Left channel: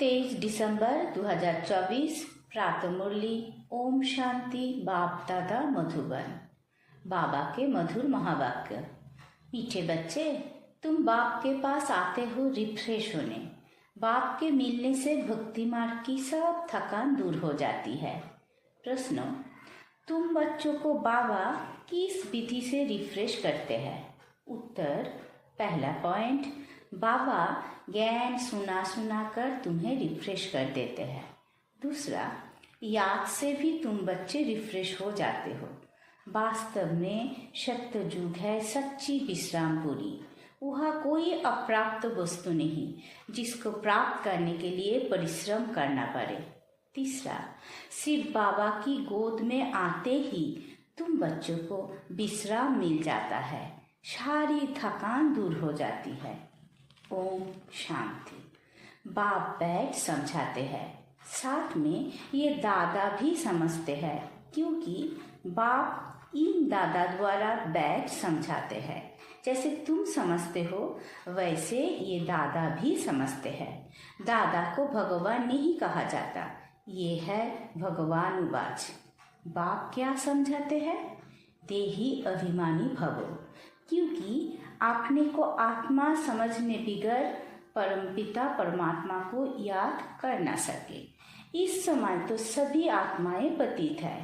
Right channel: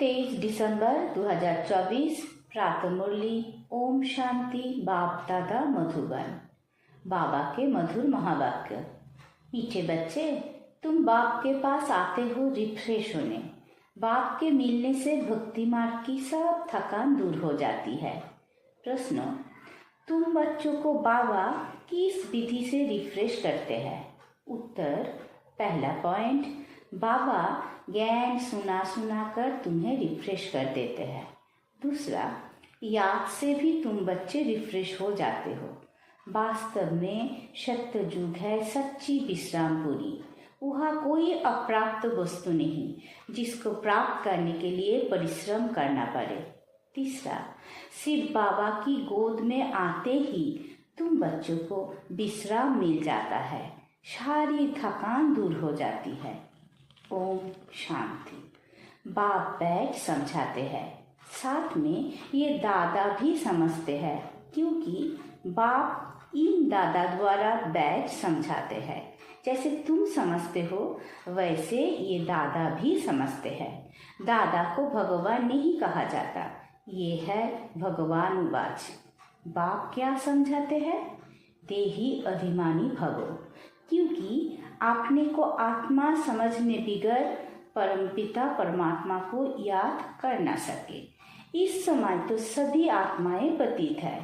23 दिसंबर 2024 प्रातः मुरली। ओम शांति। बाप दादा मधुबन। बाबा के मधुर महावाक्य। मीठे बच्चे, तुम बाप के पास आते हो रिफ्रेश होने। बाप के मिलने से भक्ति मार्ग की सब थकान दूर हो जाती है। प्रश्न, तुम बच्चों को बाबा किस विधि से रिफ्रेश करते हैं? उत्तर, पहला पॉइंट, बाबा ज्ञान सुना सुना कर तुम्हें रिफ्रेश कर देते हैं। दूसरा, याद से भी तुम बच्चे रिफ्रेश हो जाते हो। वास्तव में सत्य युग है सच्ची विश्रामपुरी। वहाँ कोई अप्राप्त वस्तु नहीं जिसको प्राप्त करने के लिए परिश्रम करना पड़े। तीसरा, शिव बाबा की गोद में आते ही तुम बच्चों को विश्राम मिल जाता है, सारी थकान दूर हो जाती है। ओम शांति। बाप बैठ समझाते हैं, साथ में ये दादा भी समझते हैं, क्योंकि बाप इन दादा द्वारा बैठ समझाते हैं। जैसे तुम समझते हो वैसे ये दादा भी समझते हैं। दादा को भगवान नहीं कहा जाता, ये है भगवान उवाच। बाप क्या समझाते हैं? देही अभिमानी भवो, क्योंकि आपने को आत्मा समझने बिगड़ परमपिता परमात्मा को याद कर न सके। इस समय तो सभी आत्माएं पतित है।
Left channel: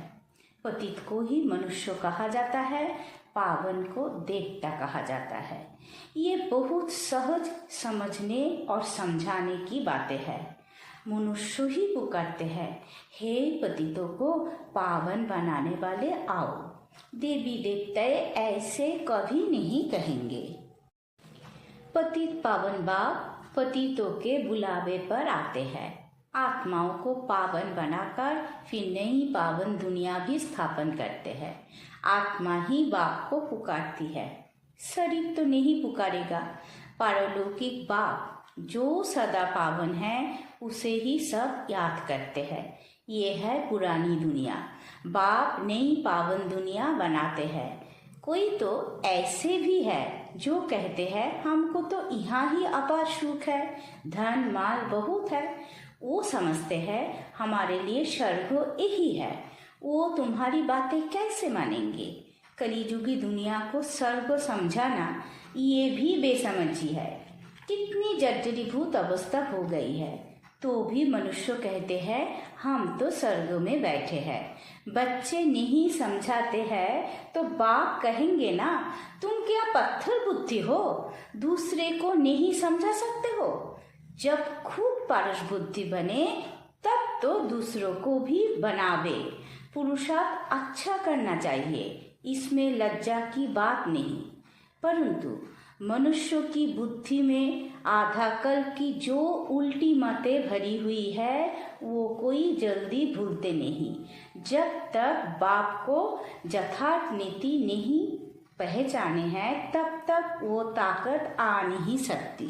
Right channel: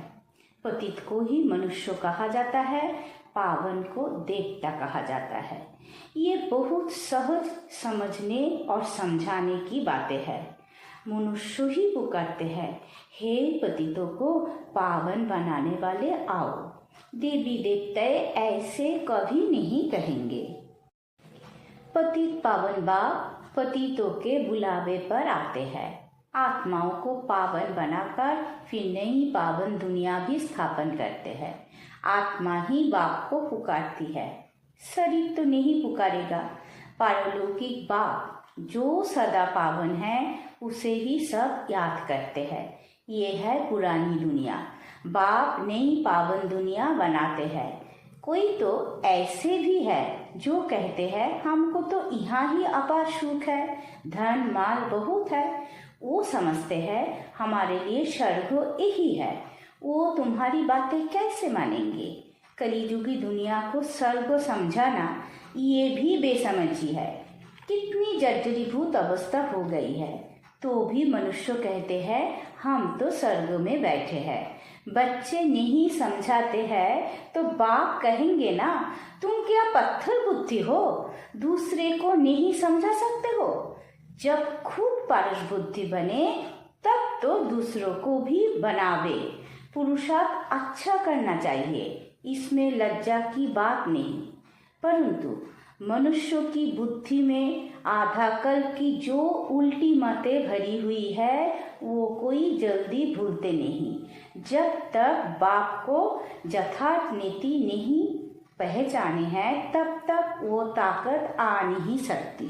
पतित को ही मनुष्य कहा जाता है, पावन को देवता कहा जाता है। ये बहुत सहज समझने और समझाने की बातें हैं। मनुष्य ही पुकारते हैं, हे पतितों को पावन बनाने वाले आओ। देवी देवता ऐसे कभी नहीं कहेंगे। पतित पावन बाप पतितों के बुलावे पर आते हैं। आत्माओं को पावन बनाकर फिर नई पावन दुनिया भी स्थापन करते हैं। आत्मा ही बाप को पुकारती है, शरीर तो नहीं पुकारेगा। पारलौकिक बाप जो सदा पावन है उसे ही सब याद करते हैं। ये है पुरानी दुनिया। बाप नई पावन दुनिया बनाते हैं। कोई तो ऐसे भी है जो कहते हैं हमको तो यहाँ ही अपार सुख है, धन माल बहुत है। वो समझते हैं हमारे लिए स्वर्ग यही है। वो तुम्हारी बातें कैसे मानेंगे? कलियुगी दुनिया को स्वर्ग समझाना ये भी बेसमझी है। कितनी जर्जरीभूत अवस्था हो गई है, तो भी मनुष्य कहते हैं हम तो स्वर्ग में बैठे हैं। बच्चे नहीं समझाते हैं तो बाप कहेंगे ना, तुम क्या पत्थर बुद्धि हो, दूसरे को नहीं समझा सकते हो? जब खुद पारस बुद्धि बने तब तो दूसरों को भी बनावे। पुरुषार्थ अच्छा करना चाहिए, इसमें लज्जा की बात नहीं। परंतु मनुष्य की बुद्धि में आधा कल्प की जो उल्टी बातें भरी हुई है वो कोई जल्दी भूलते नहीं। जब तक बाप को यथार्थ नीति नहीं पहचाने है तब तक वो ताकत आ नहीं सकती।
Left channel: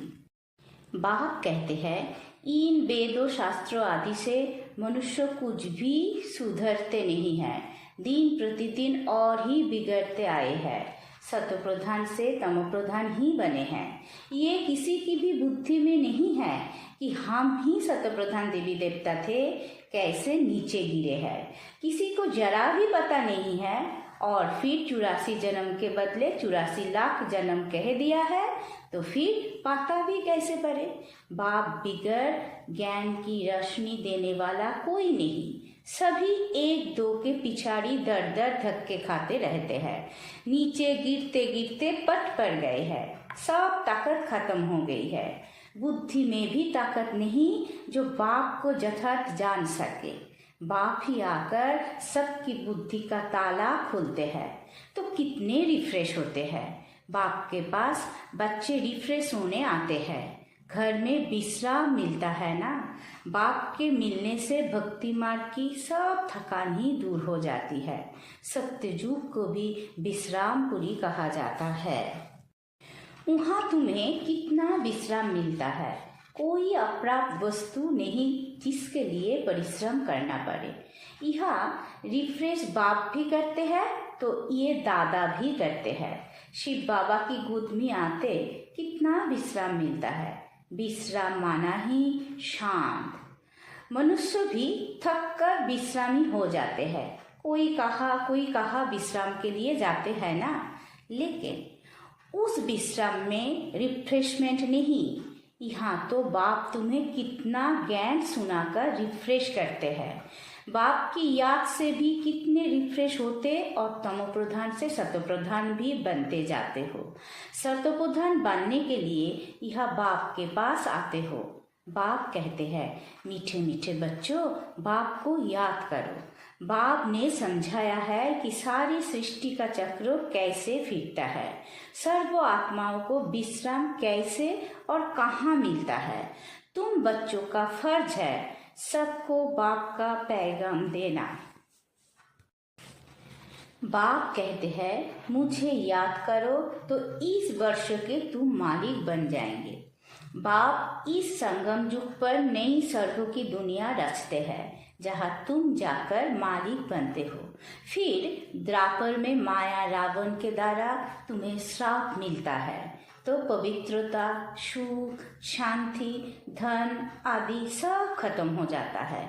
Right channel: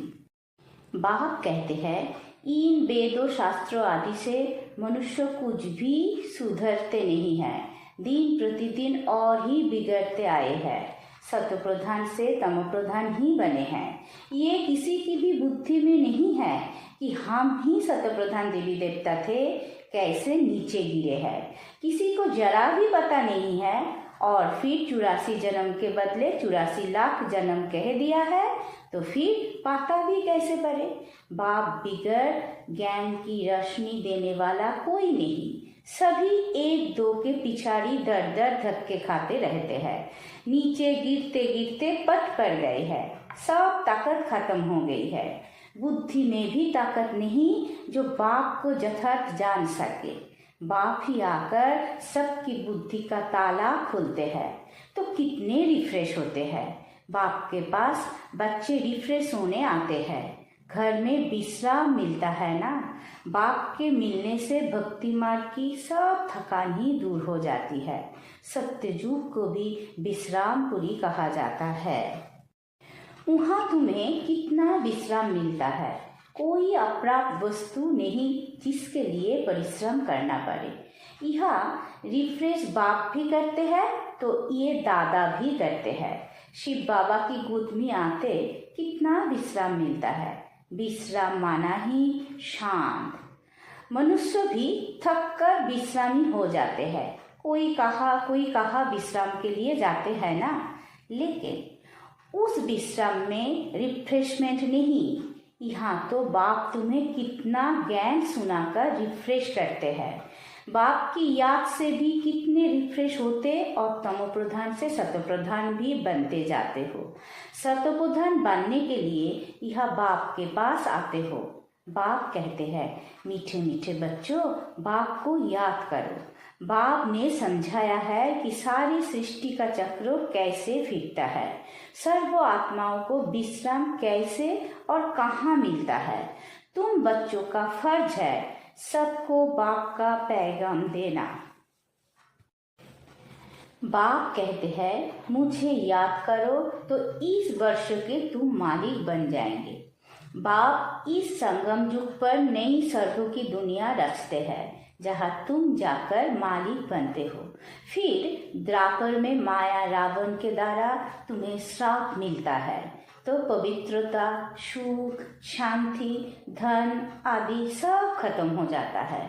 बाप कहते हैं इन वेदों शास्त्रों आदि से मनुष्य कुछ भी सुधरते नहीं है, दिन प्रतिदिन और ही बिगड़ते आए हैं। सत्व प्रधान से तमो प्रधान ही बने हैं। ये किसी की भी बुद्धि में नहीं है कि हम ही सत्व प्रधान देवी देवता थे, कैसे नीचे गिरे हैं। किसी को जरा भी पता नहीं है और फिर 84 जन्म के बदले 84 लाख जन्म कह दिया है, तो फिर पाता भी कैसे पड़े? बाप बिगड़ ज्ञान की रोशनी देने वाला कोई नहीं। सभी एक दो के पिछाड़ी दर दर धक्के खाते रहते हैं। नीचे गिरते गिरते पट पड़ गए हैं, सब ताकत खत्म हो गई है। बुद्धि में भी ताकत नहीं जो बाप को यथार्थ जान सके। बाप ही आकर सबकी बुद्धि का ताला खोलते हैं, तो कितने रिफ्रेश होते हैं। बाप के पास बच्चे रिफ्रेश होने आते हैं, घर में विश्राम मिलता है ना। बाप के मिलने से भक्ति मार्ग की सब थकान ही दूर हो जाती है। सत्ययुग को भी विश्रामपुरी कहा जाता है। वहाँ तुम्हें कितना विश्राम मिलता है। कोई अप्राप्त वस्तु नहीं जिसके लिए परिश्रम करना पड़े। यहाँ रिफ्रेश बाप भी करते हैं तो ये दादा भी करते हैं। शिव बाबा की गोद में आते कितना विश्राम मिलता है। विश्राम माना ही शांत। मनुष्य भी थक कर विश्रामी हो जाते हैं। कोई कहा विश्राम के लिए जाते हैं ना, लेकिन उस विश्राम में रिफ्रेशमेंट नहीं। यहाँ तो बाप तुम्हें कितना ज्ञान सुनाकर रिफ्रेश करते हैं। बाप की याद से भी कितने रिफ्रेश होते और तमो प्रधान से सतो प्रधान भी बनते जाते हो। सतो प्रधान बनने के लिए यह बाप के पास आते हो। बाप कहते हैं, मीठे मीठे बच्चों, बाप को याद करो। बाप ने समझाया है कि सारी सृष्टि का चक्र कैसे फिरता है, सर्व आत्माओं को विश्राम कैसे और कहाँ मिलता है। तुम बच्चों का फर्ज है सबको बाप का पैगाम देना। बाप कहते हैं, मुझे याद करो तो इस वर्ष के तुम मालिक बन जाएंगे। बाप इस संगम युग पर नई स्वर्गों की दुनिया रचते हैं जहाँ तुम जाकर मालिक बनते हो। फिर द्वापर में माया रावण के द्वारा तुम्हें श्राप मिलता है तो पवित्रता, सुख, शांति, धन आदि सब खत्म हो जाता है।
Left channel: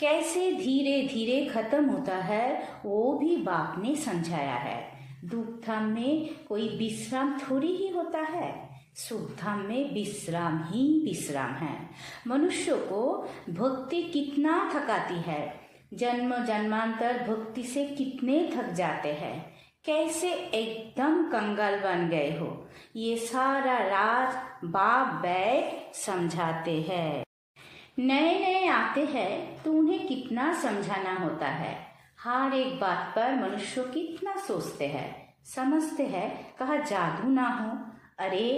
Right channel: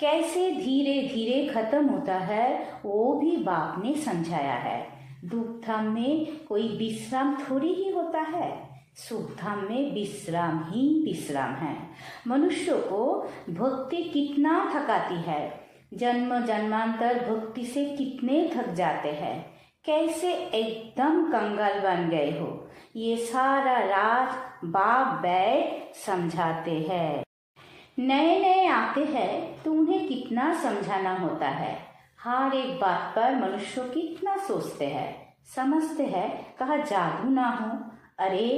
कैसे धीरे धीरे खत्म होता है वो भी बाप ने समझाया है। दुख धाम में कोई विश्राम थोड़ी ही होता है, सुख धाम में विश्राम ही विश्राम है। मनुष्य को भक्ति कितना थकाती है, जन्म जन्मांतर भक्ति से कितने थक जाते हैं, कैसे एकदम कंगाल बन गए हो। ये सारा राज बाप बैठ समझाते हैं। नए नए आते हैं तो उन्हें कितना समझाना होता है। हर एक बात पर मनुष्य कितना सोचते हैं, समझते हैं, कहा जादू ना हो। अरे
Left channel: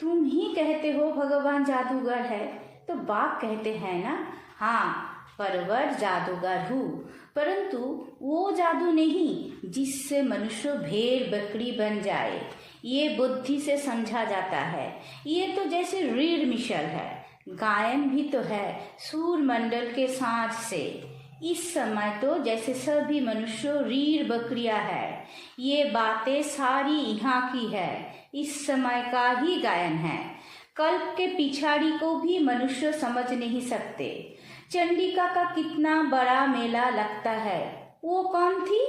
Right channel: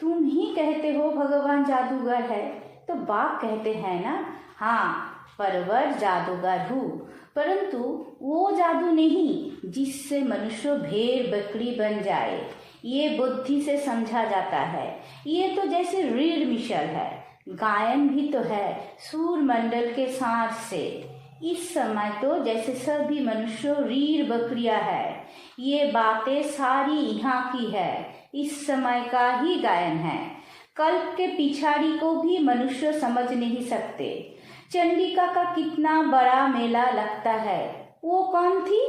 तुम ही कहते हो भगवान जादूगर है, तो बाप कहते हैं ना, हाँ परवर जादूगर हूँ, परंतु वो जादू नहीं जिससे मनुष्य भेड़ बकरी बन जाए। ये बुद्धि से समझा जाता है। ये तो जैसे रीढ़ मिशल है, गायन भी तो है सूर मंडल के साथ से। इस समय तो जैसे सभी मनुष्य रीढ़ बकरियां है। ये बातें सारी यहाँ की है, इस समय का ही गायन है। कल्प के पिछाड़ी को भी मनुष्य समझ नहीं सकते। चंडिका का कितना बड़ा मेला लगता है, वो कौन थी?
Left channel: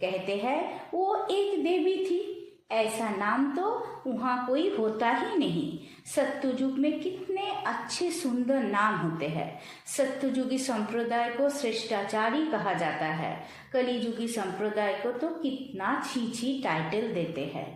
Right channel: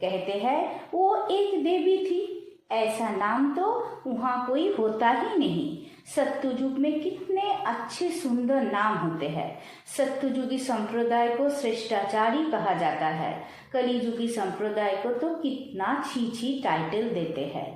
कहते हैं वो एक देवी थी। ऐसा नाम तो वहाँ कोई होता ही नहीं। सत्युजुग में कितने अच्छे सुंदर नाम होते हैं। सत्युजुगी संप्रदाय को श्रेष्ठाचारी कहा जाता है, कलिजुगी संप्रदाय को तो कितना छी टाइटल देते हैं।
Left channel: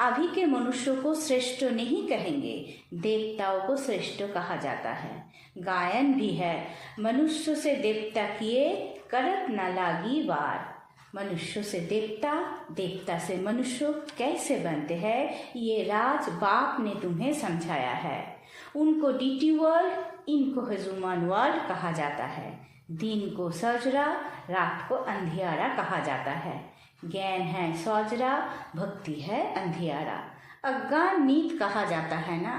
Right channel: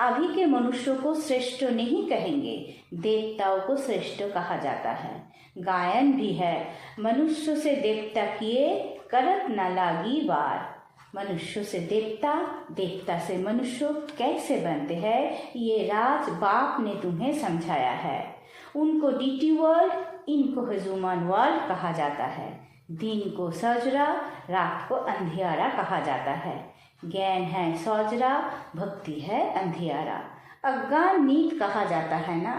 अभी के मनुष्यों को श्रेष्ठ नहीं कहेंगे, देवताओं को श्रेष्ठ कहा जाता है। गायन भी है, मनुष्य से देवता किए करत न लागी वार। मनुष्य से देवता, देवता से मनुष्य कैसे बनते हैं, ये राज बाप ने तुम्हें समझाया है। उनको डीटी वर्ल्ड, इनको ह्यूमन वर्ल्ड कहा जाता है। दिन को सजरा, रात को अंधियारा कहा जाता है। ज्ञान है सौजरा, भक्ति है अंधियारा। अज्ञान नीत कहा जाता है ना।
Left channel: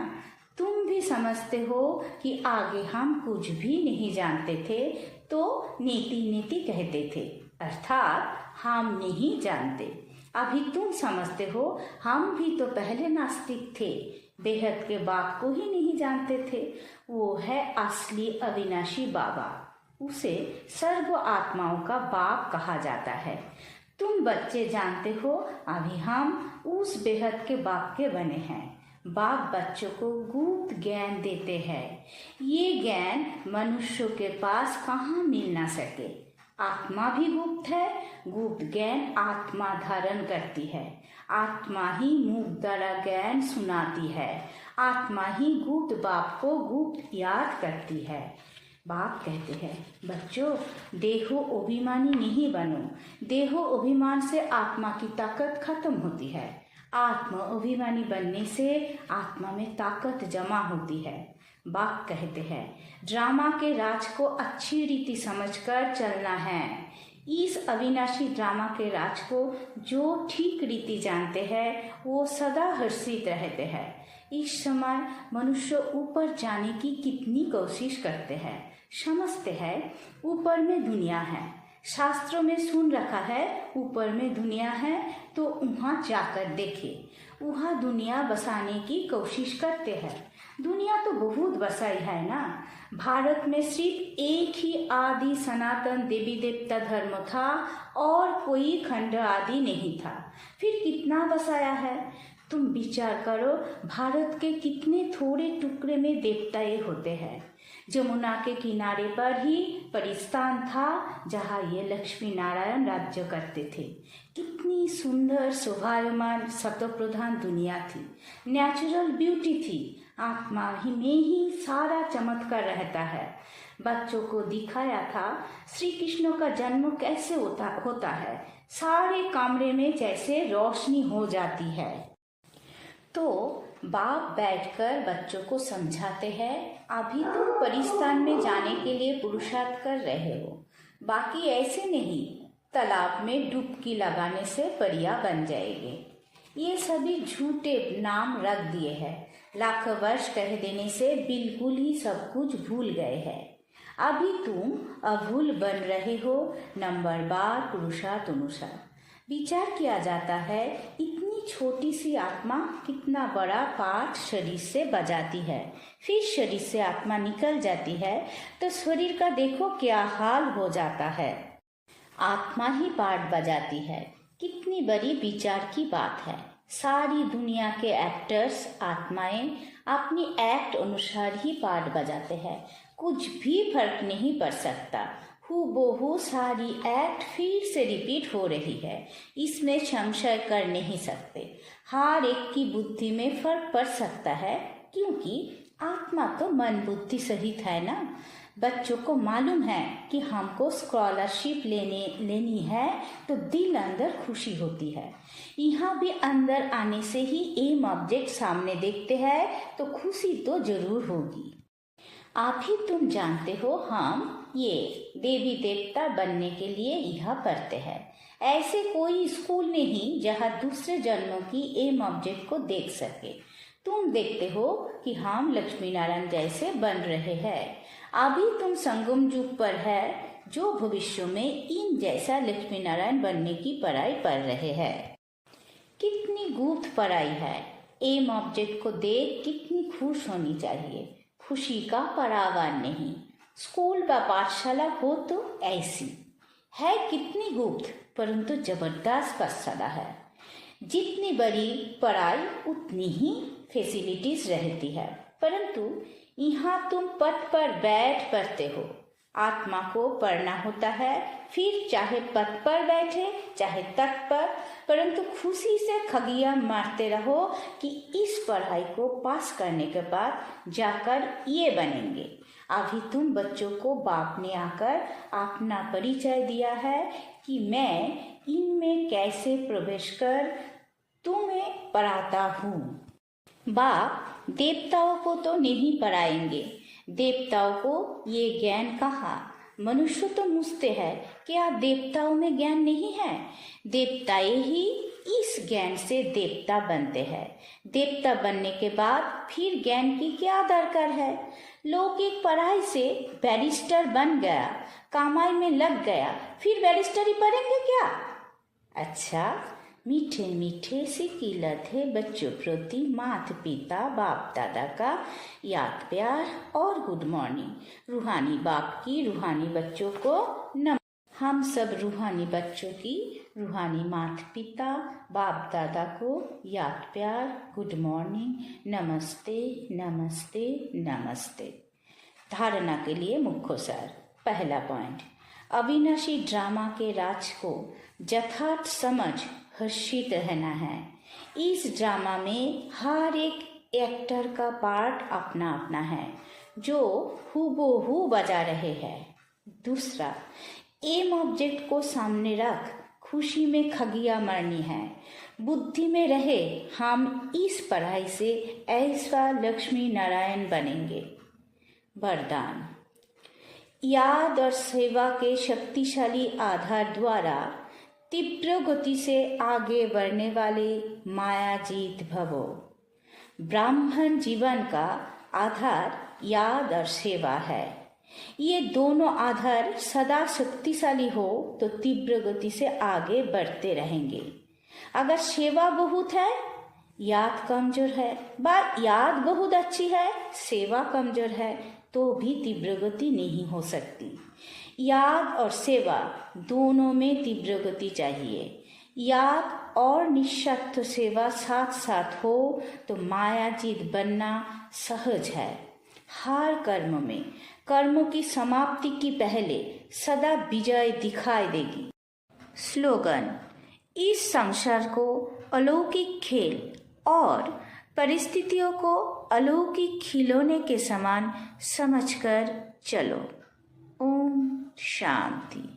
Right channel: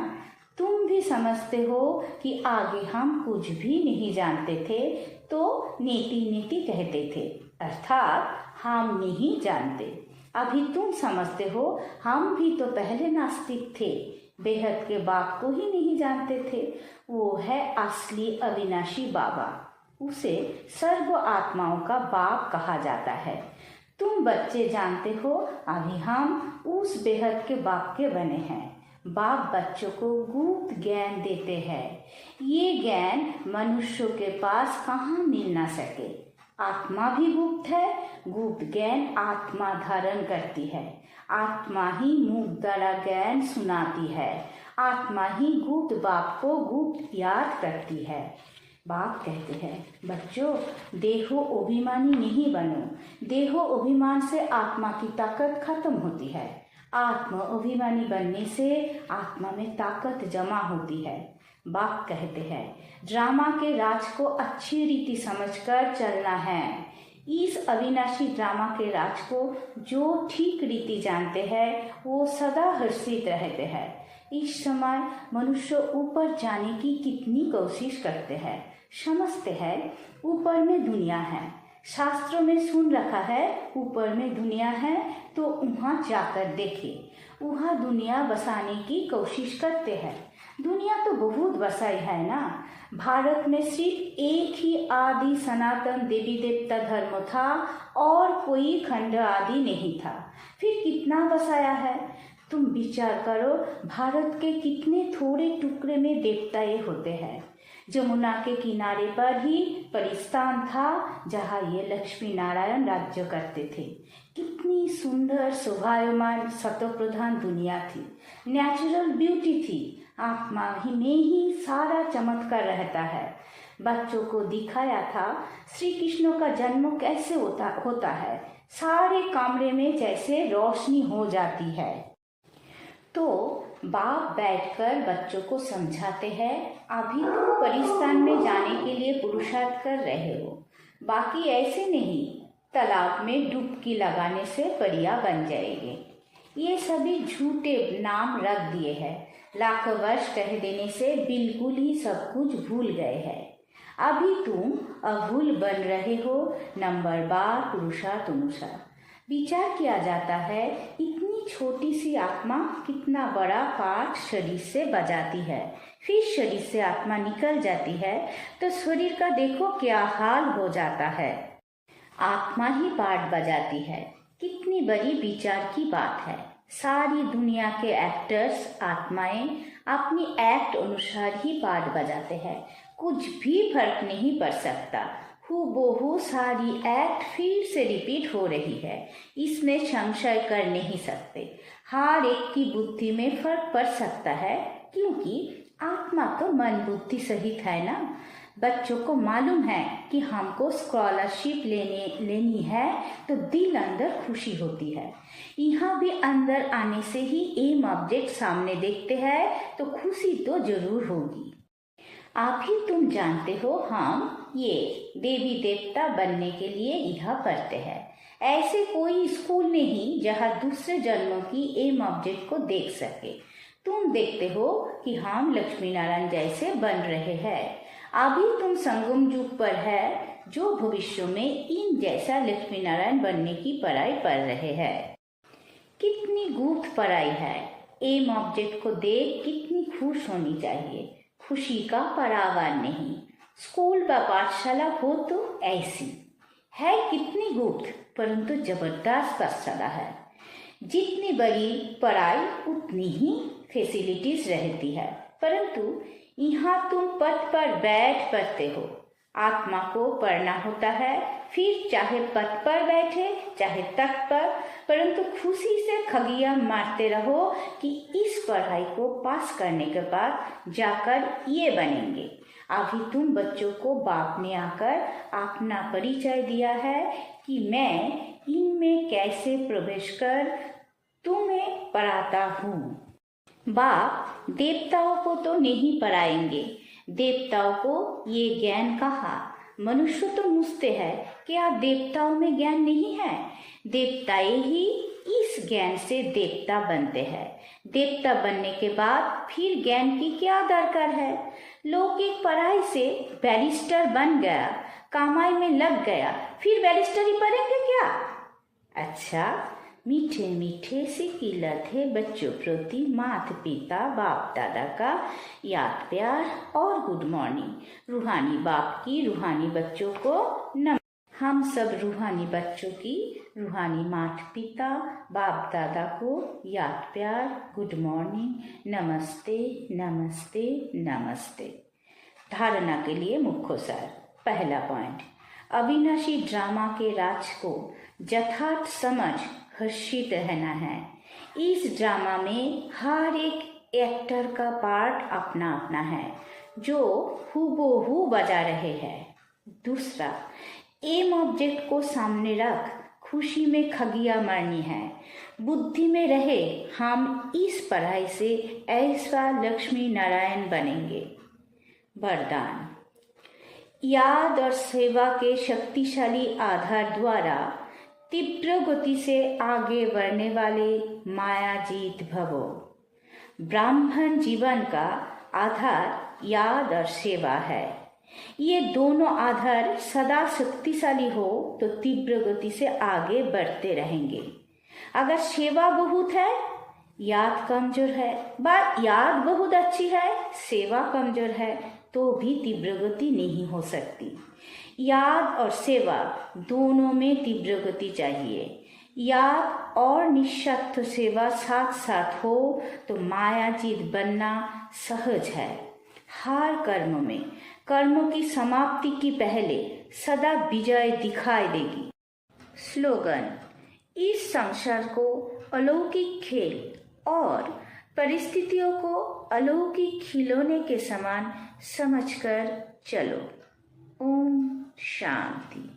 तुम भी समझते हो कि आगे हम कुछ भी नहीं जानते थे तो नीति नीति कहते थे, अर्थात हम नहीं जानते। अभी तुम समझते हो हम भी तो पहले नास्तिक थे, बेहद के बाप को ही नहीं जानते थे। वो है असली अविनाशी बाबा, उसे सर्व आत्माओं का बाप कहा जाता है। तुम बच्चे जानते हो अभी हम उस बेहद के बाप के बने हैं। बाप बच्चों को गुप्त ज्ञान देते हैं। ये ज्ञान मनुष्यों के पास कहाँ मिल ना सके। आत्मा भी गुप्त है, गुप्त ज्ञान आत्मा धारण करती है। आत्मा ही मुख द्वारा ज्ञान सुनाती है। आत्मा ही गुप्त बाप को गुप्त याद करती है। बाप कहते हैं, बच्चों देहो अभिमानी नहीं बनो। देहो अभिमान से आत्मा की ताकत खत्म होती है। आत्मा अभिमानी बनने से आत्मा में ताकत जमा होती है। बाप कहते हैं, ड्रामा के राज को अच्छी रीति समझकर चलना है। इस अविनाशी ड्रामा के राज को जो ठीक रीति जानते हैं वो सदा हर्षित रहते हैं। इस समय मनुष्य ऊपर जाने की कितनी कोशिश करते हैं, समझते हैं ऊपर में दुनिया है। शास्त्रों में सुन रखा है ऊपर में दुनिया है, तो वहाँ जाकर देखे। वहाँ दुनिया बसाने की कोशिश करते हैं। दुनिया तो बहुत बसाई है ना। भारत में सिर्फ एक ही आदि सनातन देवी देवता धर्म था और कोई खंड आदि नहीं था। फिर कितना बसाया है? तुम विचार करो, भारत के कितने थोड़े टुकड़े में देवताएं होते हैं। जमुना के किनारे पर ही परिस्थान था जहाँ ये लक्ष्मी नारायण राज्य करते थे। कितनी सुंदर शोभायमान शतप्रधान दुनिया थी, नेचुरल ब्यूटी थी। आत्मा ही में ही सारा चमत्कार रहता है। बच्चों को दिखाया था श्री कृष्ण का जन्म कैसे होता है। सारे कमरे में जैसे रोशनी हो जाती है। तो बाप बैठकर बच्चों को समझाते हैं, अभी तुम परिस्थान में जाने के लिए पुरुषार्थ कर रहे हो, बाकी ऐसे नहीं तालाब में डुबकी लगाने से परिया बन जाएंगे। ये सभी झूठे नाम रख दिए हैं। लाखों वर्ष कह देने से बिल्कुल ही सब कुछ भूल गए हैं। अभी तुम अभूल बन रहे हो। नंबर बार पुरुषार्थ अनुसार विचार किया जाता है, इतनी छोटी सी आत्मा कितना बड़ा पाठ शरीर से बजाती है। फिर शरीर से आत्मा निकल जाती है तो शरीर का देखो क्या हाल हो जाता है। आत्मा ही पाठ बजाती है। कितनी बड़ी विचार की बात है। सारी दुनिया के एक्टर्स आत्माएं अपनी एक्ट अनुसार ही पाठ बजाते हैं। कुछ भी फर्क नहीं पड़ सकता। हूबहू सारी एक्ट फिर से रिपीट हो रही है, इसमें संशय कर नहीं सकते। हर एक की बुद्धि में फर्क पड़ सकता है, क्योंकि आत्मा तो मन बुद्धि सहित है ना। बच्चों को मालूम है कि हमको स्कॉलरशिप लेनी है तो दिल अंदर खुशी होती है। यहाँ भी अंदर आने से ही एम ऑब्जेक्ट सामने देखते हैं तो खुशी तो जरूर होगी। आप ही तुम जानते हो, हम ये देवी देवता बनने के लिए यहाँ पढ़ते हैं। ऐसे कोई स्कूल नहीं जहाँ दूसरे जन्मों की एम ऑब्जेक्ट को देख सके। तुम देखते हो कि हम लक्ष्मी नारायण जैसे बन रहे हैं। अभी तुम संगम युग पर है, जो भविष्य में इन जैसा लक्ष्मी नारायण बनने की पढ़ाई पढ़ रहे हैं। कितनी गुप्त पढ़ाई है। एम ऑब्जेक्ट को देख कितनी खुश होनी चाहिए। खुशी का परावार नहीं। स्कूल व पाठशाला हो तो ऐसी है, कितनी गुप्त परंतु जबरदस्त पाठशाला है। जितनी बड़ी पढ़ाई उतनी ही फैसिलिटीज रहती है, परंतु यहाँ तुम पथ पर बैठ पढ़ते हो। आत्मा को पढ़ना होता है, फिर चाहे पथ पर बैठे चाहे तख्त पर, परंतु खुशी से खगिया मारते रहो कि इस पढ़ाई को पास करने के बाद जाकर ये बनेंगे। अभी तुम बच्चों को बाप ने आकर अपना परिचय दिया है कि मैं इनमें कैसे प्रवेश कर तुम्हें पढ़ाता हूँ। बाप देवताओं को तो नहीं पढ़ाएंगे। देवताओं को ये ज्ञान कहा। मनुष्य तो पूछते हैं क्या देवताओं में ज्ञान नहीं है? देवताएं ही इस ज्ञान से देवता बनते हैं। देवता बनने के बाद फिर ज्ञान की क्या दरकार है? लौकिक पढ़ाई से बैरिस्टर बन गया, कमाई में लग गया, फिर बैरिस्टर ही पढ़ेंगे क्या? अच्छा, मीठे मीठे से किलत है बच्चों प्रति माता पिता बाप दादा का याद प्यार और गुड मॉर्निंग। रूहानी बाप की रूहानी बच्चों को नमस्कार। हम सब रूहानी बच्चों की रूहानी माता पिता बाप दादा को याद प्यार गुड मॉर्निंग, नमस्ते नमस्ते नमस्ते। धारणा के लिए मुख्य सार। पहला पॉइंट, अविनाशी ड्रामा के राज को यथार्थ समझ हर्षित रहना है। इस ड्रामा में हर एक एक्टर का पार्ट अपना अपना है जो हूबहू बजा रहे हैं। दूसरा, एम ऑब्जेक्ट को सामने रख खुशी में खगिया मारनी है। बुद्धि में रहे हम इस पढ़ाई से ऐसा लक्ष्मी नारायण बनेंगे। वरदान, याद और सेवा के शक्तिशाली आधार द्वारा तीव्र गति से आगे बढ़ने वाले मायाजीत भवो। ब्राह्मण जीवन का आधार याद और सेवा है। ये दोनों आधार सदा शक्तिशाली हो तो तीव्र गति से आगे बढ़ते रहेंगे। अगर सेवा बहुत है याद कमजोर है, बात याद बहुत अच्छी है, सेवा कमजोर है तो भी तीव्र गति नहीं हो सकती। याद और सेवा दोनों में तीव्र गति चाहिए। याद और निस्वार्थ सेवा साथ साथ हो तो मायाजीत बनना सहज है। हर कर्म में कर्म की समाप्ति की पहले सदा विजय दिखाई देगी। स्लोगन: इस संसार को अलौकिक खेल और परिस्थितियों को अलौकिक खिलौने के समान समझकर चलो। ओम शांति।